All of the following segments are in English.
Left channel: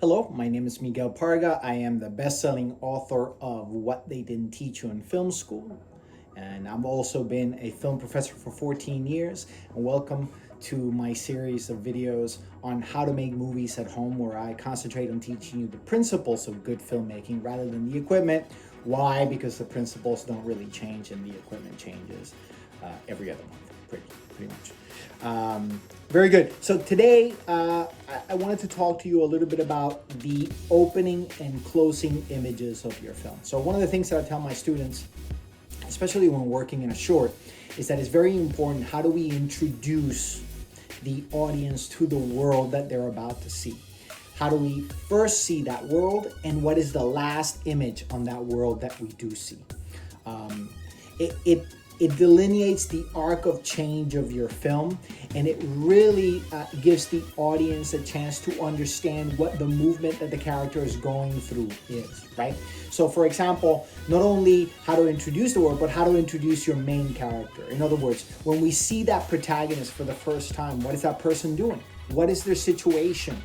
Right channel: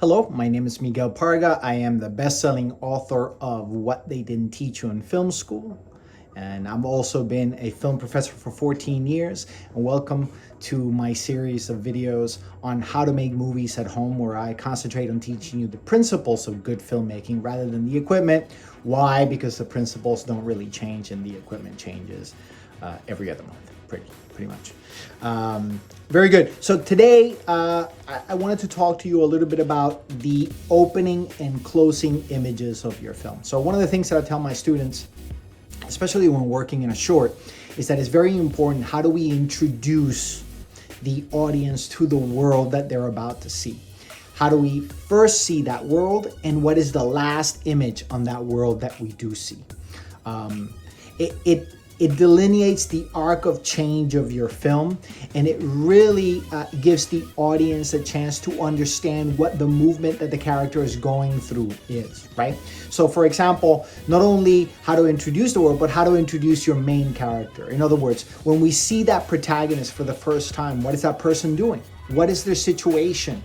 Hello, my name is Miguel Parga. I am the best-selling author of What They Didn't Teach You in Film School. And I've also been a film professor for 14 years. And welcome to my series of videos on how to make movies at home, where I concentrate on teaching you the principles of good filmmaking rather than the equipment. Why? Because the principles don't really change and the equipment changes every other month, pretty much. Very good. So today I wanted to talk to you a little bit about the opening and closing images of your film. So one of the things that I tell my students, especially when working in a short, is that it's very important, how do we introduce the audience to the world that they're about to see? How do we first see that world, and what is the last image on that world that we do see? It delineates the arc of change of your film, and it really gives the audience a chance to understand what the movement that the character is going through is, right? So for example, not only how to introduce the world, but how to introduce your main character. In other words, when we see that protagonist for the first time, what is that person doing? What is their situation?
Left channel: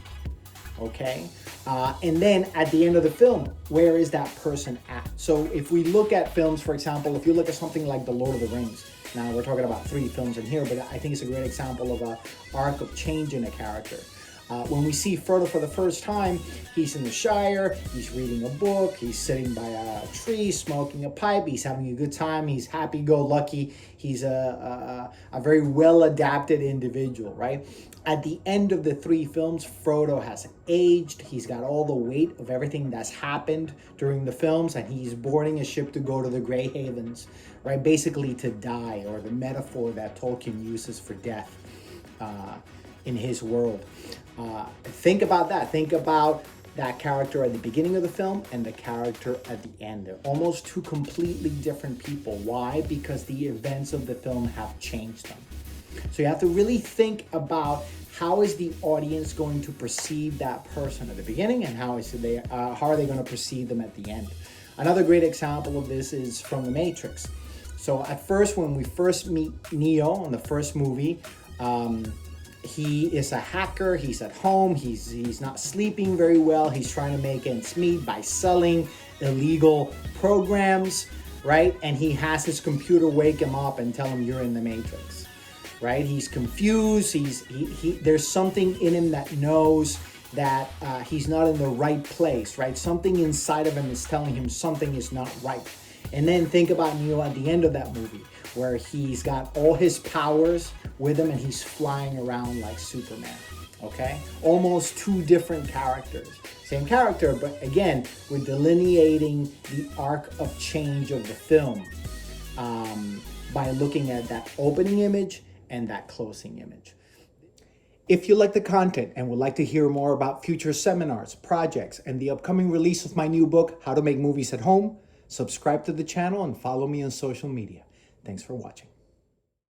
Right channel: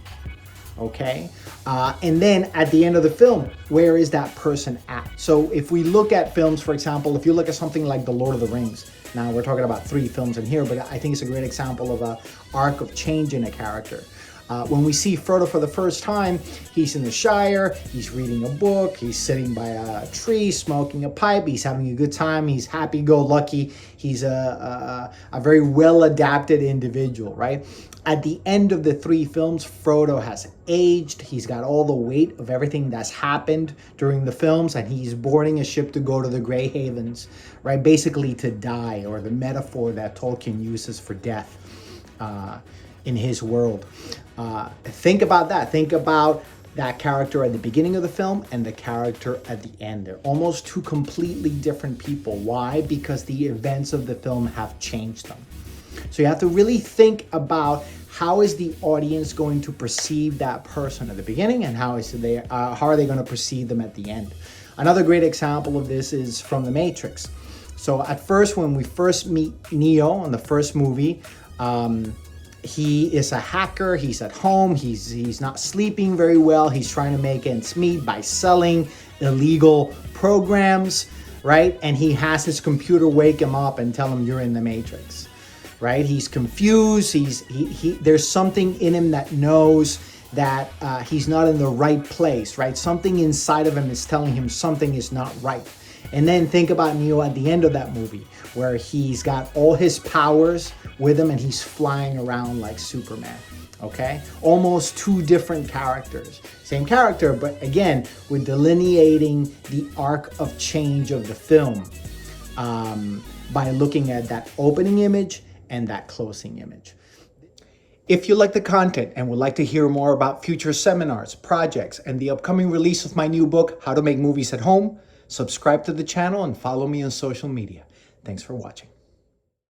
Okay, and then at the end of the film, where is that person at? So if we look at films, for example, if you look at something like The Lord of the Rings, now we're talking about 3 films in here, but I think it's a great example of an arc of change in a character. When we see Frodo for the first time, he's in the Shire, he's reading a book, he's sitting by a tree, smoking a pipe, he's having a good time, he's happy-go-lucky, he's a very well-adapted individual, right? At the end of the 3 films, Frodo has aged, he's got all the weight of everything that's happened during the films, and he's boarding a ship to go to the Grey Havens, right? Basically to die, or the metaphor that Tolkien uses for death in his world. Think about that. Think about that character at the beginning of the film and the character at the end. They're almost 2 completely different people. Why? Because the events of the film have changed them. So you have to really think about how is the audience going to perceive that person at the beginning, and how are they going to perceive them at the end. Another great example of this is from The Matrix. So at first, when we first meet Neo in the first movie, he is a hacker, he's at home, he's not sleeping very well, he's trying to make ends meet by selling illegal programs, right? And he has his computer wake him up and tell him, you're in the Matrix, right? He's confused, there's something in him that knows that he's not in the right place, right? Something inside of him is telling him something is not right. And then think about Neo at the end of that movie, where he's got all his powers with him and he's flying around like Superman, okay? Almost 2 different characters. Same character, but again, we're delineating the arc of change of the film by looking at that opening image and that closing image. If you like the content and would like to hear more about future seminars, projects, and the upcoming release of my new book, How to Make Movies at Home, subscribe to the channel and follow me on social media. Thanks for watching.